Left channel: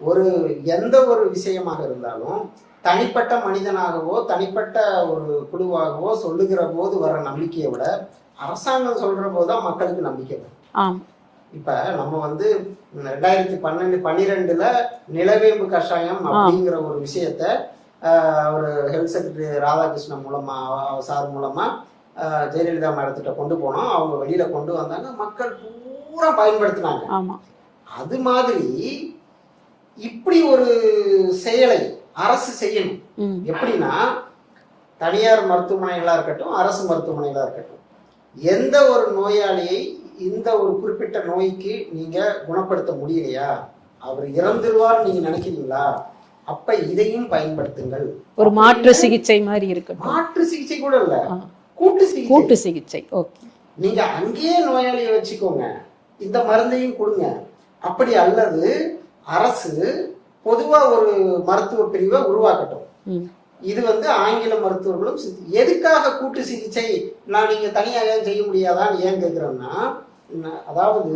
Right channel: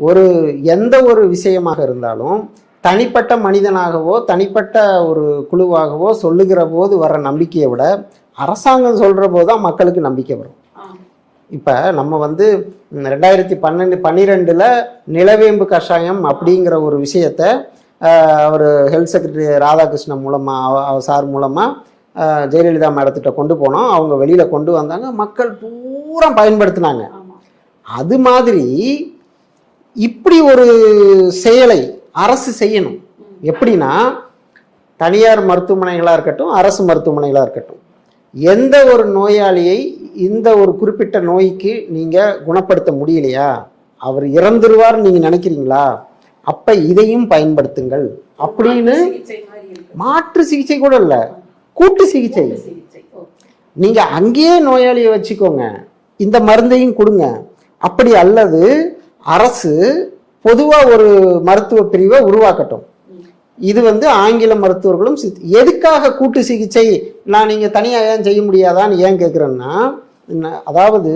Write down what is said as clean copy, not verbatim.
ஒரு எந்த ஒரு விஷயமாக இருந்தாலும் தனிப்பட்ட மனிதனாகவோ தனிப்பட்ட ஒரு குழுவாகவோ சொல்லுகிற போது வர்ற நம்பிக்கையை விட அரசாங்கம் சொல்கிற போது தான் மக்களுக்கு நம்பிக்கை வரும். இப்போ நம்ம வந்து 2012 நிலவேம்பு கஷாயம் அப்படிங்கிற ஒரு விஷயத்த ஒரு ஹெல்த் செக்ரட்டரி ராதாகிருஷ்ணன் மூலமாக சார் மூலமாக ஜெயலலிதா மேடத்திட்ட கொண்டு போனோம். அவங்க வெளியில் கொண்டு வந்தாங்க, மக்கள் பூரா பயன்படுத்தினாங்க. அது மாதிரி இப்படி ஒரு செயலை அரசு செய்யணும். எப்படின்னா, தனியார் மருத்துவமனைகளாக இருக்கட்டும், அரசு மருத்துவமனைகளாக இருக்கட்டும், எந்த ஒரு நோயாளியை இந்த ஒரு குறிப்பிட்ட நோய்க்கு நீங்கள் குணப்படுத்த முடியலையா, அவர் இறந்துருவார்னு நீங்கள் நினைக்கிறீங்களா, அப்ப இதையும் பயன்படுத்துங்கள். ஒரு மாற்று சிகிச்சை மாதிரி இருக்கு. மாற்று சிகிச்சை கூட இல்ல, கூட்டு சிகிச்சை. நீங்க அங்கேயே நோயாளியை வச்சுக்கோங்க, இந்த மருந்தையும் கொடுங்க. அப்படி அல்லது அரசு பொதுவா ஒரு மருத்துவ பிரிவை உருவாக்கட்டும். இது வந்து ஆங்கில மருத்துவர்களும் எதுக்காக கூட்டு சிகிச்சை நான் நீங்க தனியாக ஏன் செய்ய முடியாதான்னு ஏன் கேட்குறேன்னா, அதாவது